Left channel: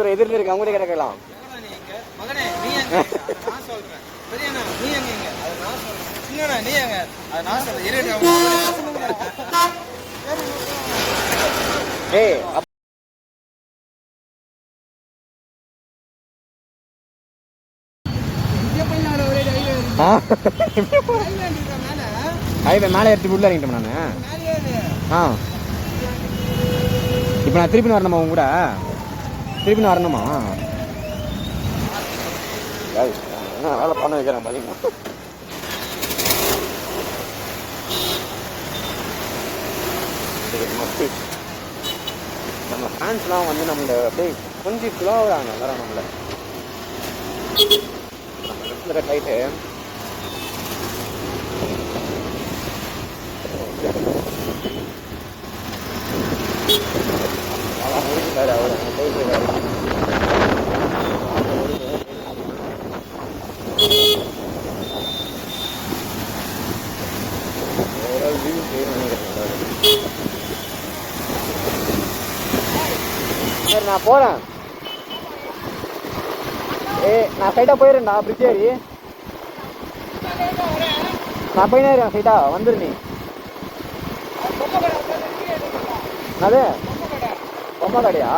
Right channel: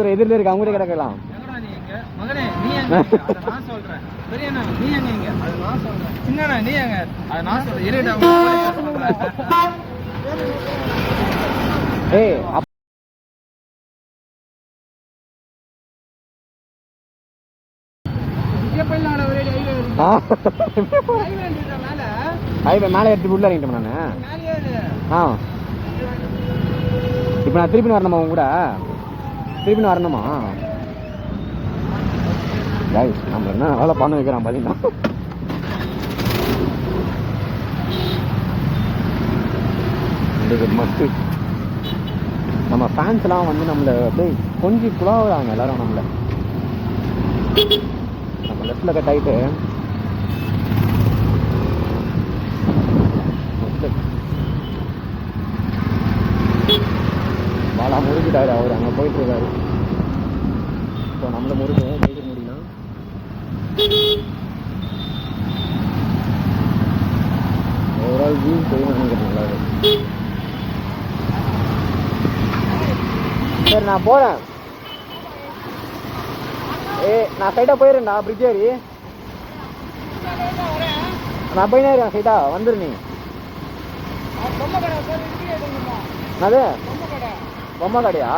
தூரம் எதிரில் இருக்கு, அவங்க கிடக்கலாம். மகனே நீ எங்க? அதை நான் சொல்றேன். சரியாண்ணா, நீ எங்க? அது நான் சொல்றேன். சின்னண்ணா நீ எங்க? அதை நான் சொல்றேன். ஏய் ஹைவே மேலே எடுத்து உள்ள இறங்கிட்டோம் நான். இப்போ நான் திருப்பி வரணுமா உங்க கூட? திருப்பி வரணுமா? நம்ம என்ன வேலை பண்ண வைக்கிறோம் பார்த்தீங்கன்னா. நம்ம ஃபேன்ஸ்லாம் வந்து நம்மளை அப்படியே கொஞ்சம் குழாவுறாங்க எல்லாரும். நம்ம லெஃப்டில் கட் ஆகிட்டு வாழா முறுக்கிட்டாரு அவர். அங்கே போயிட்டு இருக்காரு. அந்த முறுக்கு போயிட்டு முடியுமா? ஓவரால் வியூ செய்யணும்னு நினைக்கிறேன். நல்லா இருக்கு. சரி நான் போகிறேன். நான் சைட்டாக போயிடுறேன்டா. பிரிட்ஜ் ஏறி நான் போயினே இருக்கேன். சைட்டா வந்துரு. நீ அது பொம்மை கடையா?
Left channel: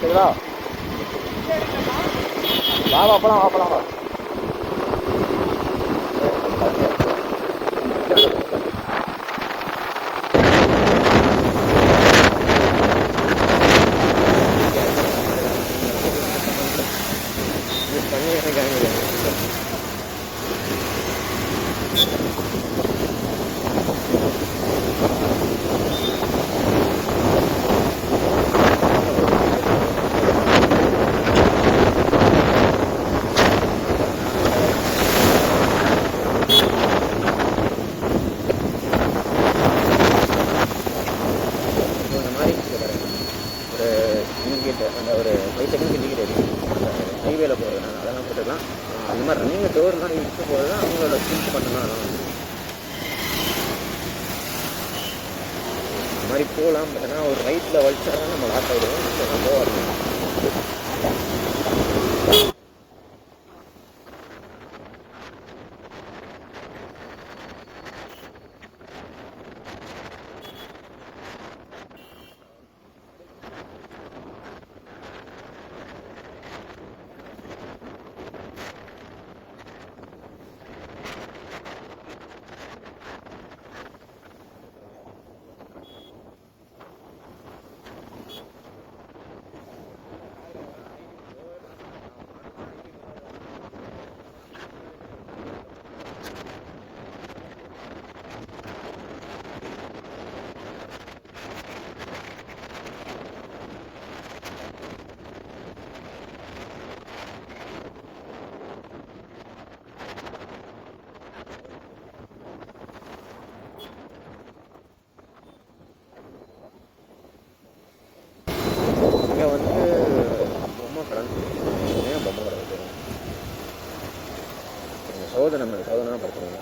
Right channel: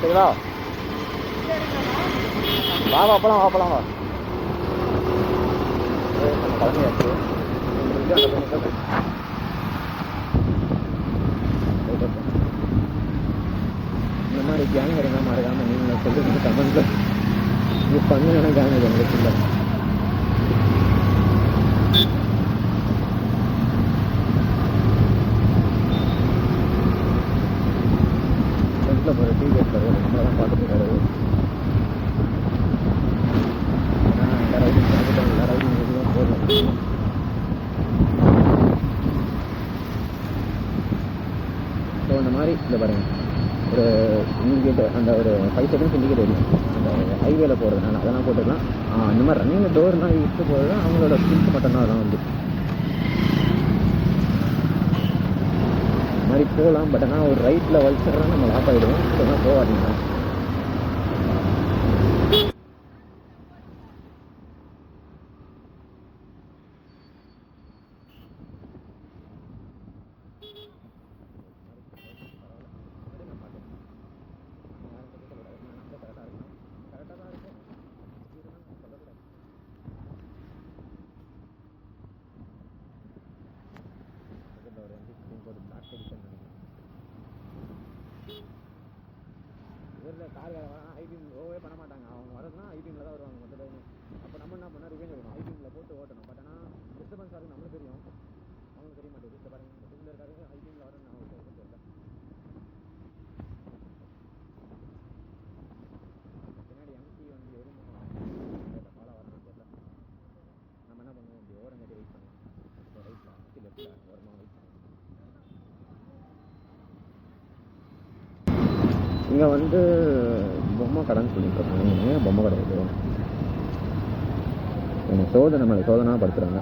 சரி வா வா வா போலாம், வா போலாம், வா. கேங் வரந்த மாதிரி தாங்க நீங்கள் சொல்லுங்க கமெண்ட்ல. இது பண்ணுங்க கேங் எங்களுக்கு இல்லை. ஒரு இண்டிகேட்டர், அந்த ஒரு 5 செகண்ட்ஸ் இண்டிகேட்டர் இருக்குது அந்த ஹைவேல போகிறதுனால. அதெல்லாம் போட்டுக்கலாம். இந்த மாதிரி ரன்னிங் டோர்லாம் யூஸ் போகிறது அவங்களோட ஸ்கில்ஸ் மட்டும்தான். அதெல்லாம் வந்து இந்த மாதிரி போகலாம். பட் ஆனால் ஒரு ரைட்டில் வலிச்சா நம்ம லாக் ஆகிடுவோம். இதெல்லாம் போகாதீங்க. இங்கே வந்து பொம்மை கடைன்னு சொல்லிட்டு ஏன் பொம்மை கடை இருக்குது? கொஞ்சம் சோதனை மேலே சோதனை படுத்துகிறாங்க.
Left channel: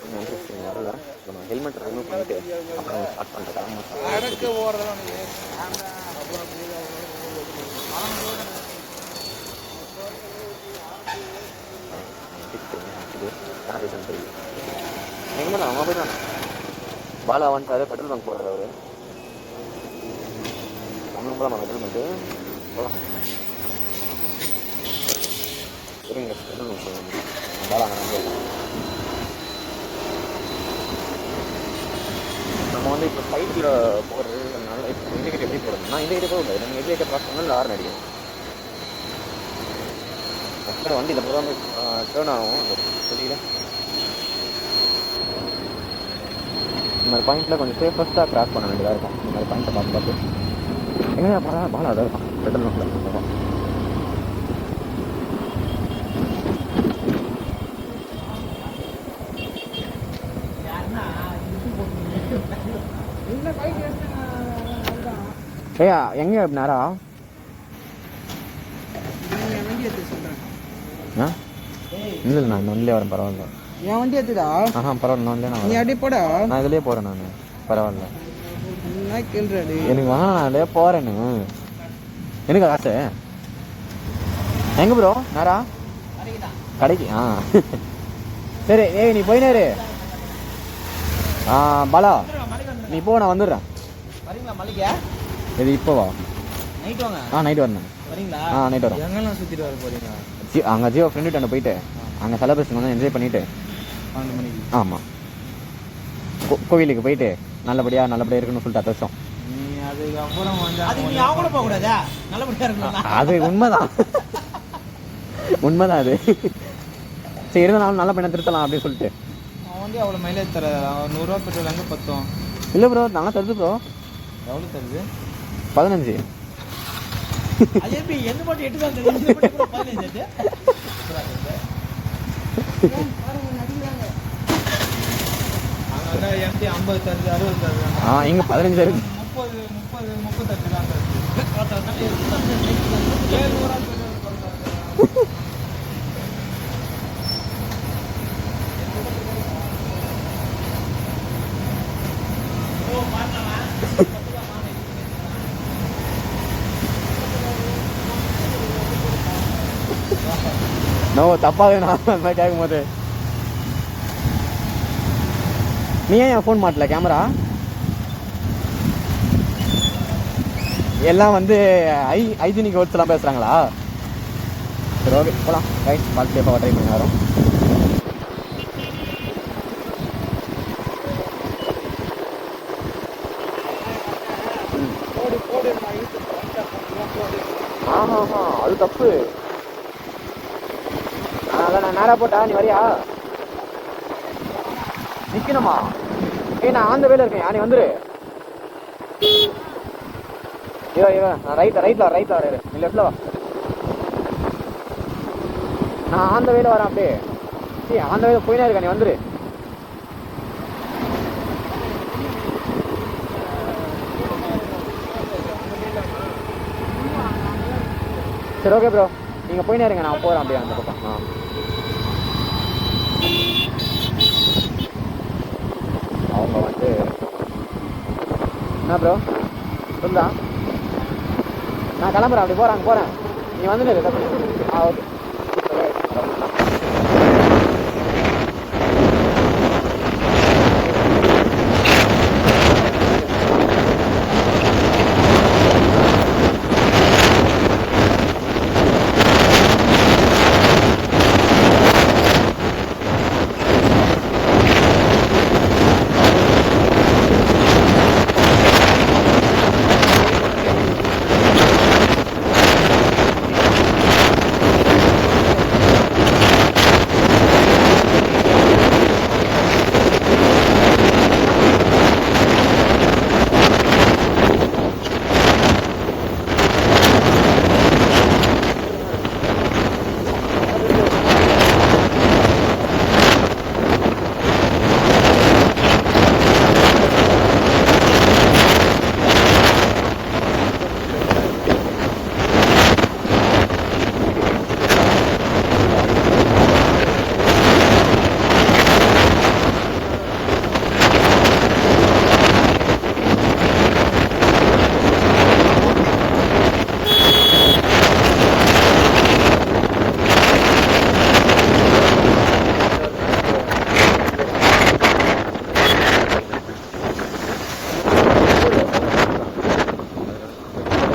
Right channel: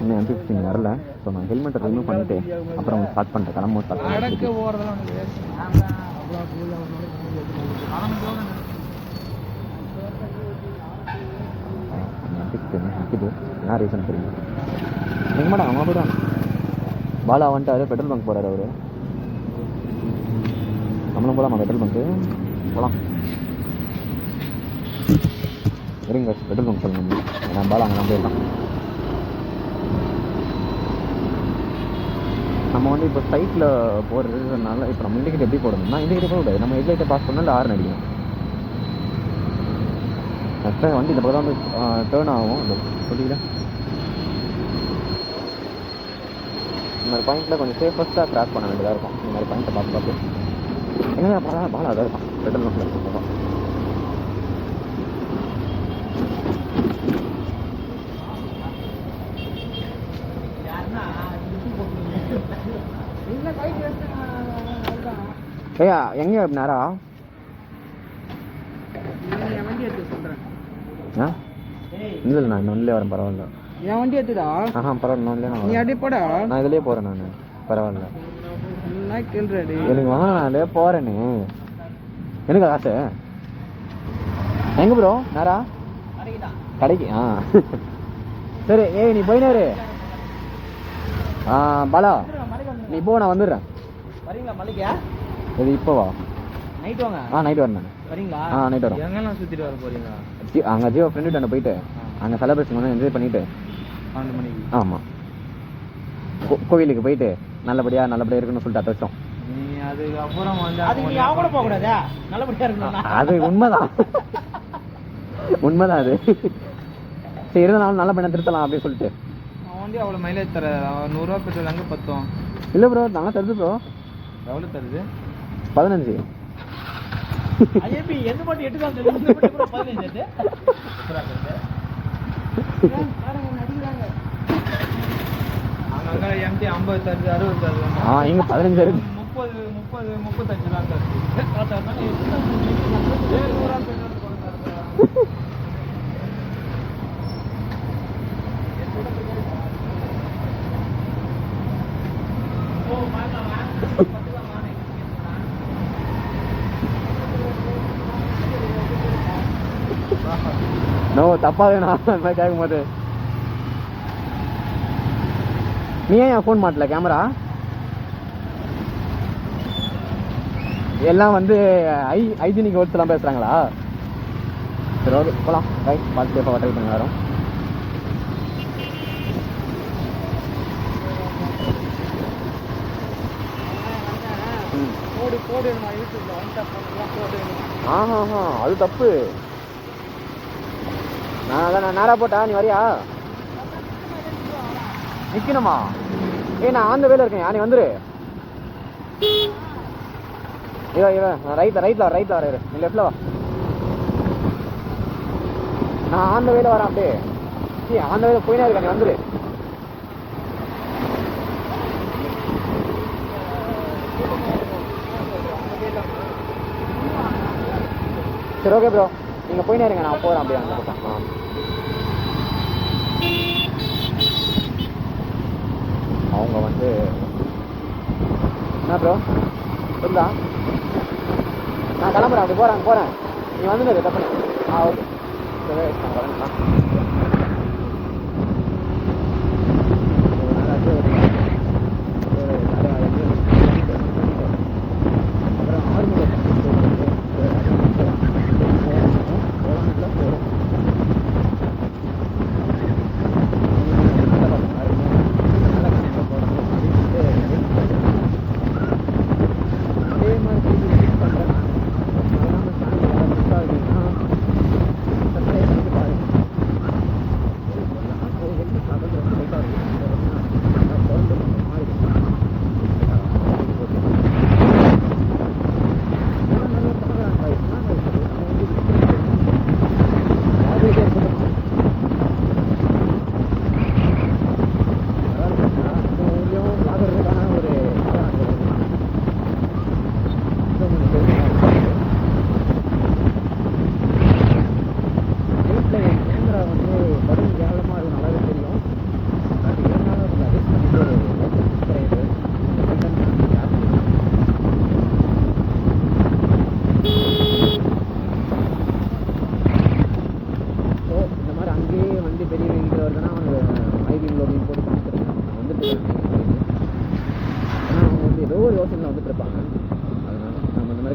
இன்னும் அன்டிஃபிஷன் வரல. ஸோ நான் ஹெல்மெட்டை ரிமூவ் பண்ணிவிட்டு அப்புறம் ஸ்டார்ட் பண்ணிட்டேன். கிளம்ப ஸ்டார்ட் பண்ணிட்டு நிற்குது. என்ன ரீசன் தெரியல. எங்க மேடம் அவங்க போய்ட்டாங்க. பாலா வந்துட்டாரு. பெட்ரோல் பங்க் போகிறாரு அவர். நம்மளும் போகலாமா பெட்ரோல் பங்க்கு? போகலாம். இருங்க பெட்ரோல் பங்க் சொல்லணும். நான் பாலா அங்கே நம்ம போயிடலாம். நம்ம வந்து இப்போ சைட்டில் போகிறதுனால இப்போ நம்ம இண்டிகேட்டர் எப்படி போடணும்னா இண்டிகேட்டர் போகக்கூடாது. நம்ம ஹெட்லைட்டை பாஸ் பண்ணால் ஹார்ன் அடிக்கும். ஆக்சுவலாக வண்டி இந்த பக்கம் தான் வந்து டேர்ன் ஆகும். அந்த சொல்லியில் இந்த மாதிரி பாயிண்ட்டில் கொஞ்சம் சேஃபஸ்ட்டாக கிராஸ் பண்ண வேண்டியதாக இருக்கும். இந்த மாதிரி பாயிண்ட்டை பார்த்து பார்த்து எங்கே பாலா அதான் இருக்கும் பெட்ரோல் பங்கில் இருக்கும். ஏயா எங்கே நேரா வண்டி எடுத்து சொல்கிறேன். இல்லை நான் இந்த வண்டியிலே வரேன். பரவாயில்ல. என் வண்டி எடுத்துடா. பரவாயில்ல, நான் இல்லையா நீ அப்படியே போட. நான் இதுலேயே போகிறேன். நான் பரவாயில்ல, என்ன கேள்றாடி எனக்கு வேணாம், நான் இதுலேயே போகிறேன்னு. எனக்கு காசு எங்கே ப்ரோ? நேரா கடைக்கு. சரி, ஏய் நீ போயினாரு. பாலா நீ போ, நான் வந்துடுறேன். வரீங்களா மளிகை? இது இப்போ வா. நைட் வாங்க. நைட் வரேன். வரீங்களா? நைட் வரோம். எங்கெல்லாம் சுற்றிட்டு வர போகிறீங்க? அங்கே ஜியோ ஃப்ரெண்டு அங்கே போயிட்டு அங்கே செலப்ரேஷன் வந்து என்ஜாய் பண்ணிவிட்டு 12 மணிக்கு. ஆமாம், கோவிலுக்கு போயிட்டு நல்லபடியாக இருக்குன்னு சொல்லிட்டு அத்தச்சோம். அதுக்கப்புறம் வந்து அது நீ கூட போகக்கூடாதா? நல்லபடியாக இருக்கணும். அது உண்மைதான், உண்மைதான் அது. சரி, இருந்தாலும் நல்ல பையனை திருத்தலாம் அப்படின்னு சொல்லிட்டு. அவன் வண்டி அவ்வளோ மைலேஜ் தர 100 ரூபா பெட்ரோல் அங்கே பத்தும். இல்லை ப்ரோ, நல்லா தருது ப்ரோ. எவ்வளோ தருது? 15. அது எப்படி எந்த பாட்டு 8 தான் தருது, இந்த பாட்டு 15 நடிக்கிறாங்க. அவங்க எம்பி 50 தருது, 60 தருது. இங்கே 15 இருக்கு. 30 35 தான் தருது. 7 ரூபா தருது. நோ, தப்பாக நான் அந்த மாதிரி கேட்கும் போது நீ ஏன் என் ஃபோன் மாட்டல? கேமரா எல்லாம் வந்து ஹைஜீனிக் வேர்ட்ஸ்லாம் பேசுகிறாங்களா? சரி, ஓகே போகலாம். ரைட், பார்த்து சேஃபாக ட்ரை பண்ணி வரோம். அது தப்பு. அதான் நான் நேராக போட்டா நீ வரியா? நிற்கணுமா? நான் அந்த வேலை இருக்கேன், நீ வந்துரு. நான் ரைட்டில் வரேன். நீ லெஃப்டில் வா. நான் அந்த வேலை வரேன். அப்படியே அந்த வேலை போயினே இருக்கேன், நீ வந்துரு. சரி, ஓகே ப்ரோ, நீங்கள் போயினே இருங்க, நான் போகிறேன் அப்படியே அந்த பக்கம். அவங்க வந்து என்ன ப்ரோ சொல்லுதா? நான் கிளம்புறேன், அப்படி போகிறேன். நீ வந்துடு தப்பு. ஓகே.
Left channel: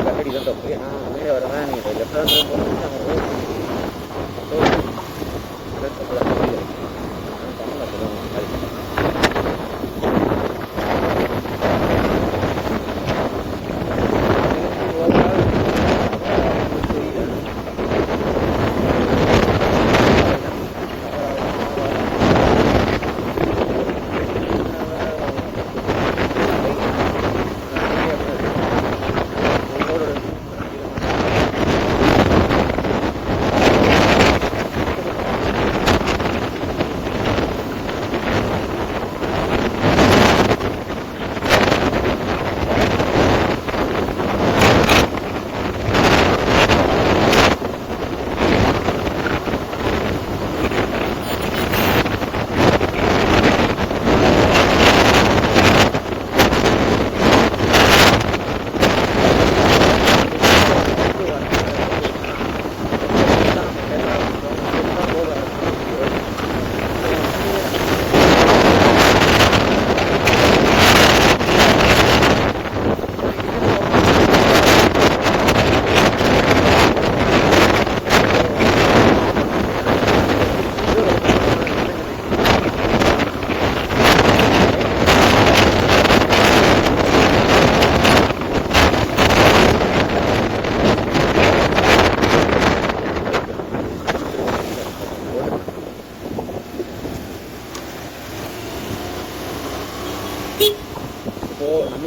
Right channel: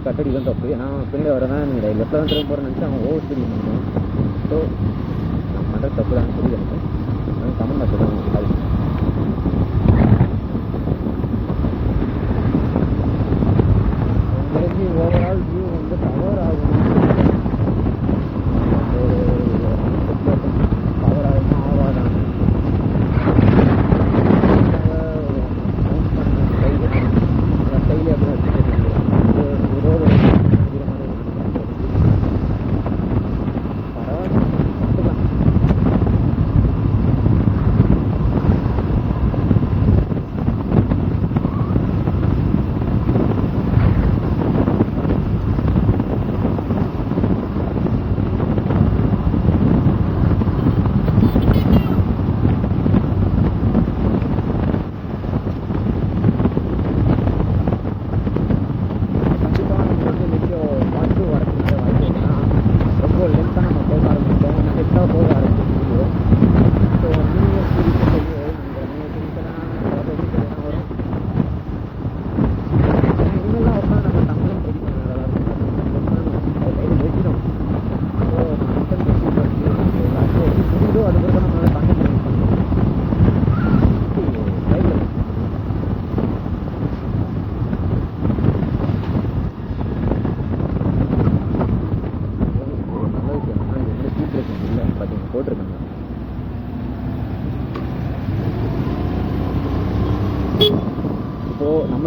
கட்டடி தான் தப்பு. நான் பின்னாடி வரேன், நீங்கள் லெஃப்ட் தான் திரும்ப போகிறேன்னு அவன் ஓட்டிருக்கீங்க. ஸோ அது தப்பு தான் புரியுது எனக்கு. நான் தமிழ் மட்டும் தான் கால் பண்ணேன். எனக்கு ஓவரால்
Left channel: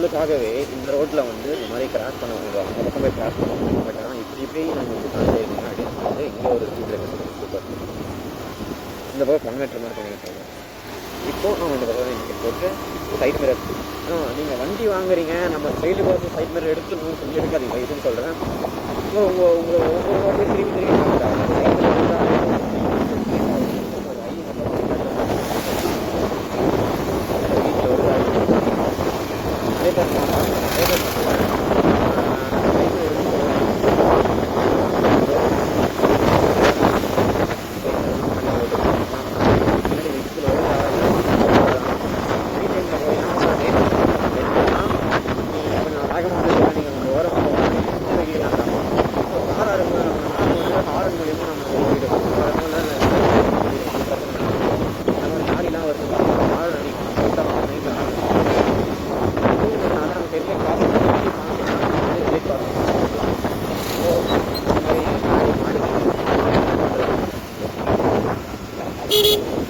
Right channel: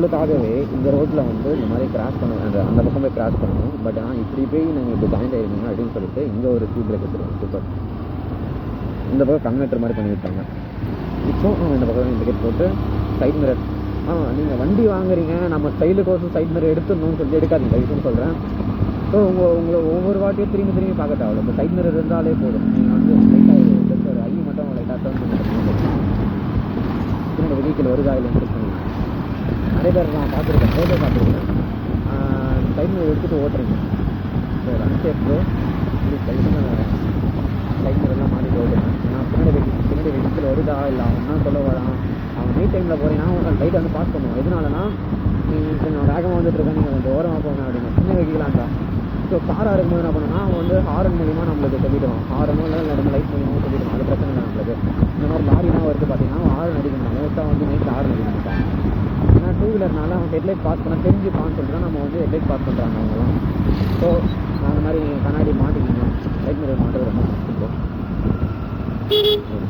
நம்மளுக்காகவே இந்த ரோட்டில் வந்து இந்த மாதிரி கிராஷ் பண்ணுவாங்க, அந்த பக்கம் போய் கிராஷ் பண்ணுவோம். பட் ஆனால் இப்படி போய் நாங்கள் இப்படி ஜாயின் ஆயிருக்கீங்க அப்படின்னு சொல்லிட்டு இங்கே ஒரு ஸ்பீட் பிரேக்கர் இருக்குது. சூப்பர். இந்த பக்கம் கன்வெர்ட்டர் மாதிரி பண்ணிவிட்டாங்க. இப்போ இந்த பக்கம் இண்டிகேட் போட்டு சைட் மிரர். நீங்கள் வண்டி வாங்குறீங்க, நம்ம சைடு போகிறது சைட் மிரர் எடுத்துடணும்னு சொல்லி எடுக்காதீங்க இதுன்னு சொல்கிறேன். ஸோ உங்களை ஒவ்வொரு வாட்டியும் திரும்பி டார்கெட் ஆகும். அந்த சைட் மிரர் இருந்தாலே போதும். ஒரு ஐ மட்டும் வெஹிக்கிள் வருதா நிறைய பேர் நான் பார்த்துருக்கேன். சைட் மிரர் எடுத்துட்டு ஓட்டணும். சைட் மிரர்லாம் பண்ணி ஓட்டணும். பின்னாடி வெஹிக்கிள் வருதா இல்லை அப்படின்னு சொல்ல வரலாம். நைட் டைமில் போகிறீங்கன்னா லைட்டாக ஸ்டார்ட் பண்ணணும். என்னன்னா நீ கொஞ்சம் வேகமாக வந்துட்டு நீங்கள் கொஞ்சம் ஓரமாக போக சின்ன வெஹிக்கிளாக இருந்தால். ஸோ காராக இருக்கும்போது என்ன பண்ணணும்னா வந்து ஹாரன் மூலியமாக நம்மளுக்கு சொல்லிவிடுவோம். ஹாரனோ இல்லை சொல்லிவிடுவோம். அந்த பிரச்சனை நம்மளுக்கு. இந்த மாதிரி லாரிலாம் வருது பார்த்தீங்கன்னா ஹாரன் அடிக்கணும். மோஸ்ட்டாக வந்து நைட்டில் ஹாரன் அடிக்கணும். டூ வீலர்னால அவங்க ஹெட்லைட் பார்த்து தெரிஞ்சு பார்த்துட்டா நம்ம வந்து ஹெட்லைட் பார்த்து தரலாம். ஸோ அந்த மாதிரி முன்னாடி மாட்டிக்கணும் பண்ணுறது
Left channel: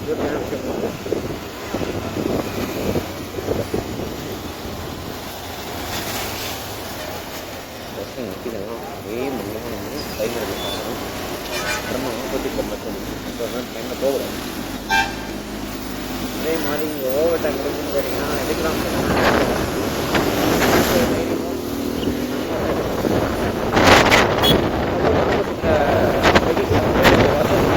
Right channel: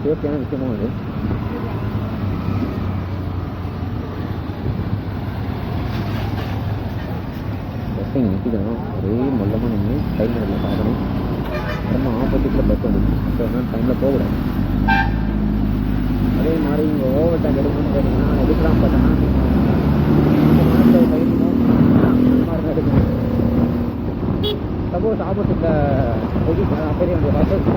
சேஃப்டியான விஷயமும் அது. பஸ்ஸு நிற்கிதுன்னா ஒரே மொல்லமாக நம்ம டைம் எடுக்கல பார்க்கணும். நம்ம ஆப்போசிட்டில் பஸ் வந்துச்சு. ஸோ அதனால் டைமில் போகக்கூடாது. அதே மாதிரி இங்கே ஓவர் டேக் எடுக்கணும்னு கேட்டிங்கன்னா எடுக்கலாம். பார்த்தோன்னா சப்போஸ் ஆப்போசிட்டில் வெஹிக்கிள் பஸ்ஸஸ்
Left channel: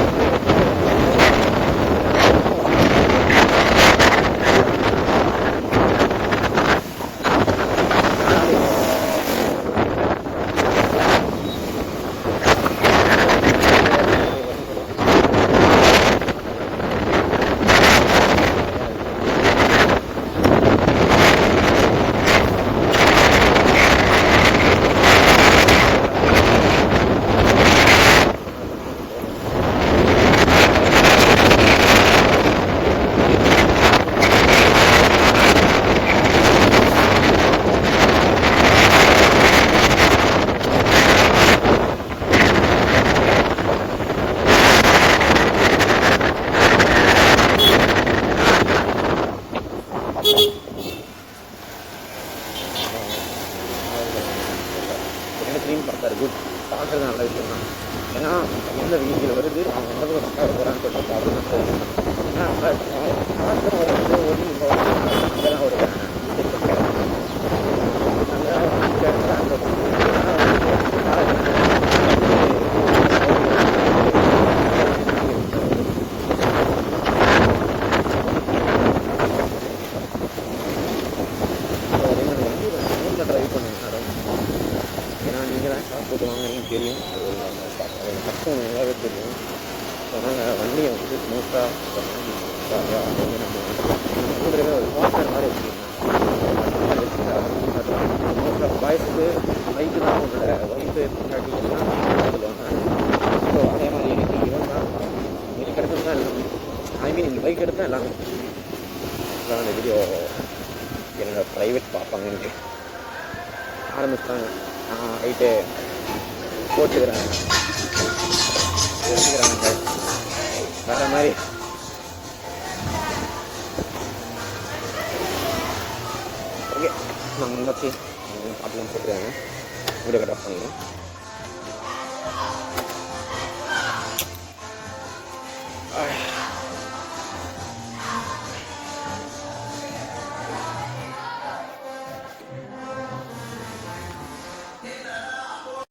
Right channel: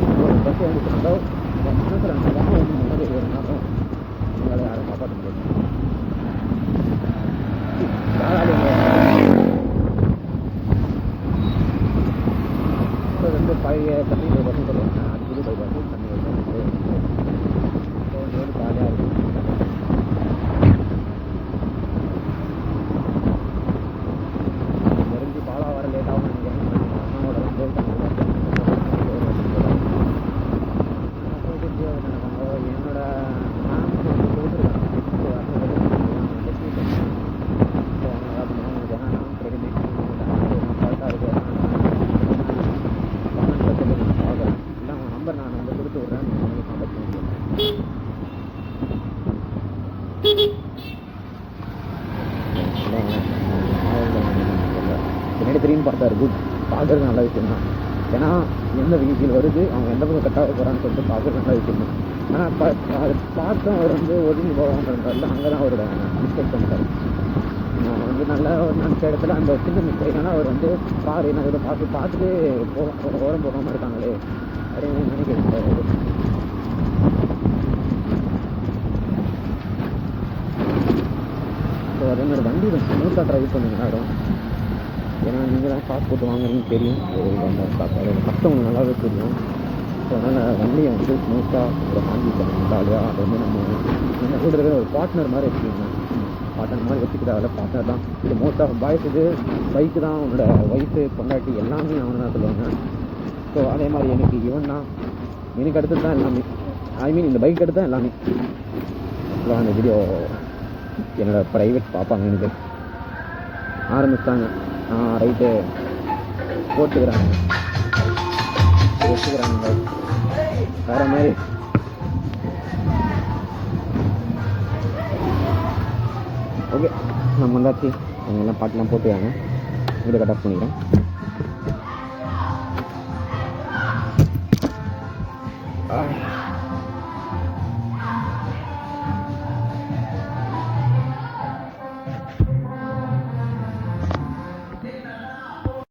பின்னாடி திரும்பி பார்த்தாரு. குட். பார்க்குறது நல்ல விஷயம் தான். ஏன்னா எந்த வெஹிக்கிள் வருது, அவங்க எந்த பக்கம் கட்டாக போகிறான்னு சொல்லிட்டு பார்க்குறது நல்ல விஷயம் தான். ஆனால் பார்த்தும் அவர் வந்து ஒதுங்கி போவாங்க. அங்கே தான் ஒரு மிஸ்டேக் பண்ணுறாரு. வந்து நல்ல மிச்ச இடத்துல அங்கே சின்ன மிஸ்டேக்னா அவர் வந்து கார் ஸோ அதே மாதிரி வண்டி ஸ்மூத்தாக ட்ரைவ் பண்ணுங்க யாரும். ஏன்னா நீங்கள் தான் காசு போட்டு வாங்குறீங்கன்னு தெரியும். அந்த அதோட கஷ்டம் உங்களுக்கு நல்லாவே தெரியும். ஸோ அதனால் வண்டியை வந்து ஸ்மூத்தாக ஒரு ஹேண்டில் பண்ணணும். ஜாலியாக அது வந்து நம்ம கூட இருக்கிற ஒரு பார்ட்னர் மாதிரி வச்சுக்கிங்க. பார்ட்னர் மாதிரி வச்சுக்கிட்டு அதில் பார்ட்னர் தான். ஸோ மோஸ்ட் ஆஃப் பாய்ஸுக்கு பைக்கு தான் அவங்களோட ஒய்ஃபு பொண்டாட்டி எல்லாமே தான் சொல்லுவாங்க. ஸோ அதே மாதிரி எனக்கு இவன் தான் எனக்கு அடுத்தது தான் எல்லாமே. இந்த பைக் எடுத்து தான் எல்லாமே. அந்த வீடியோ என்னோடய ப்ரைவேட் பார்ப்பாங்க. எனக்கு ஆரம்பிச்சிட்டாங்க. ரைட்டு போட்டுக்கிறாங்க வேறு மாதிரி. ஓகே நம்ம வந்தாச்சு. அவங்கெல்லாம் பாட்டெலாம் போட்டுக்காங்க. வீடியோ கட் ஆஃப் பண்ணிக்கிறேன்.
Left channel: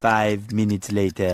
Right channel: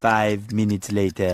Five minutes later.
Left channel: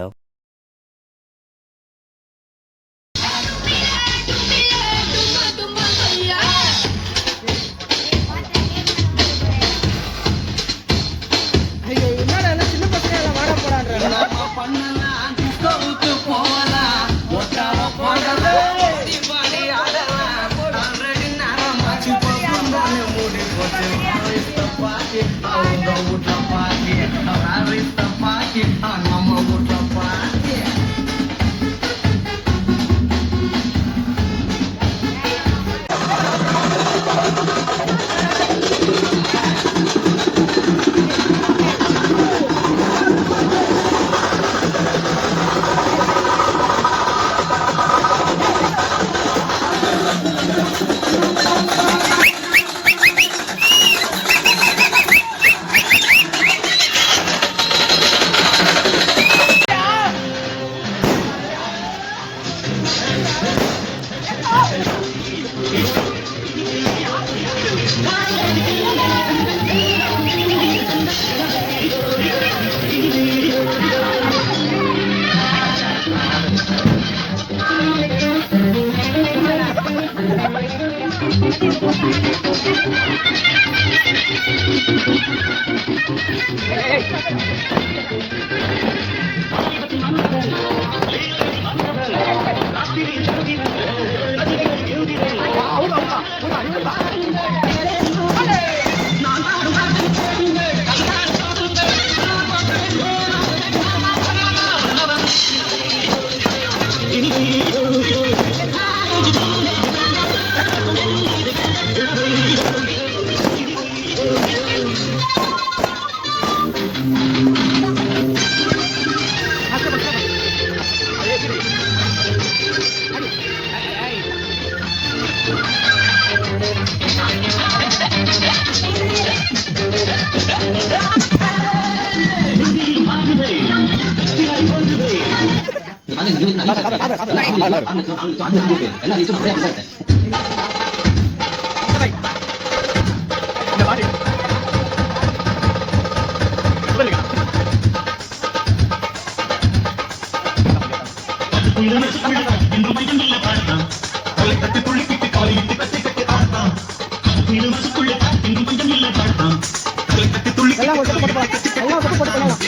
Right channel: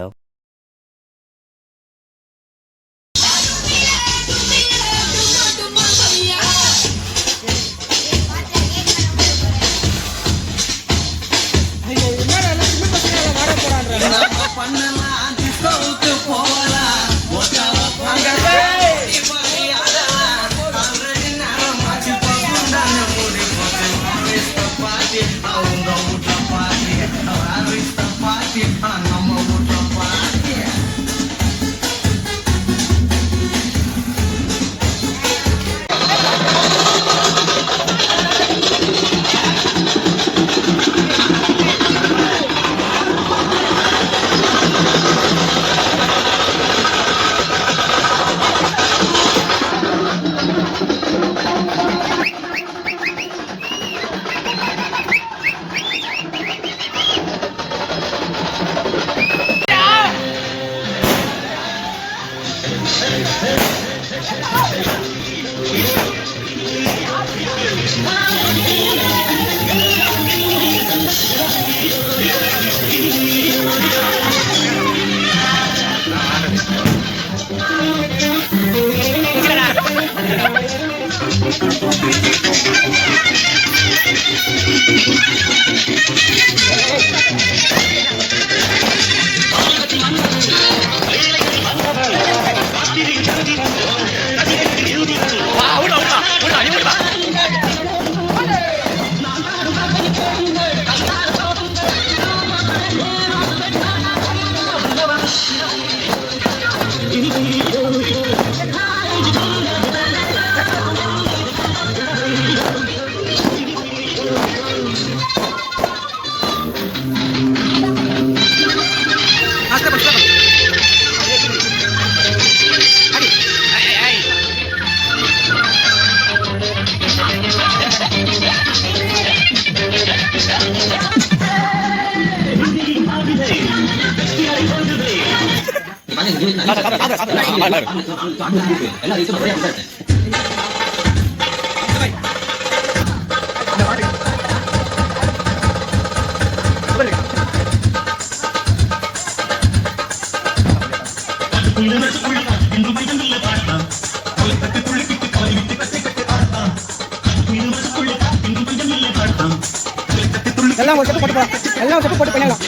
எல்லாம் ஒரு போட்டு எல்லாம் போட்டு பண்ணலாம்.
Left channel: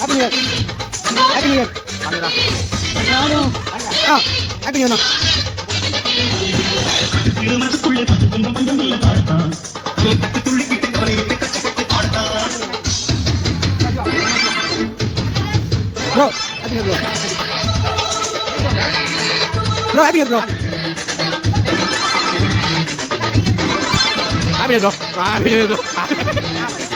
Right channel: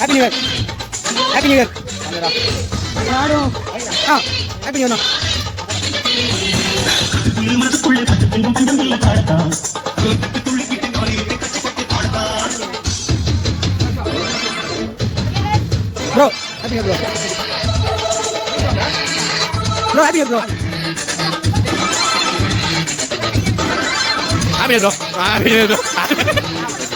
Happy new year, happy new year. Happy new year. Bro happy new year bro happy new year bro happy new year bro happy new year bro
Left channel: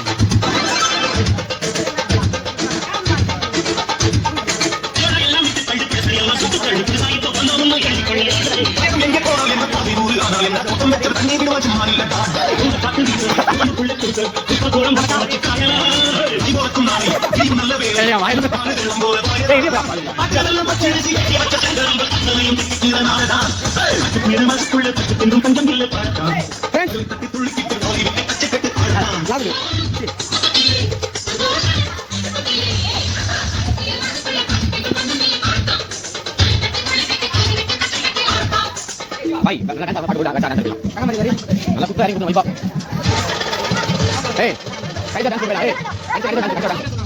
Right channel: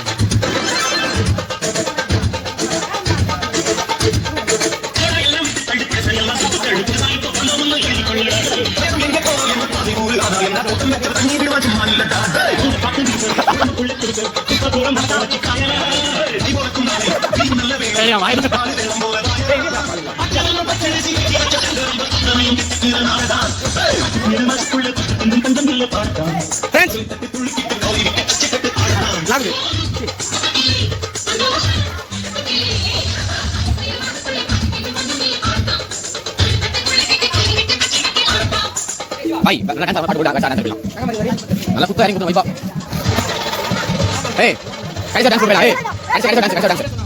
Baik, kan sama pada budak kacaran bilang. Malah putar yang kutu ibu. Hei, kaisa dan kurbela, hei. Kaisa dan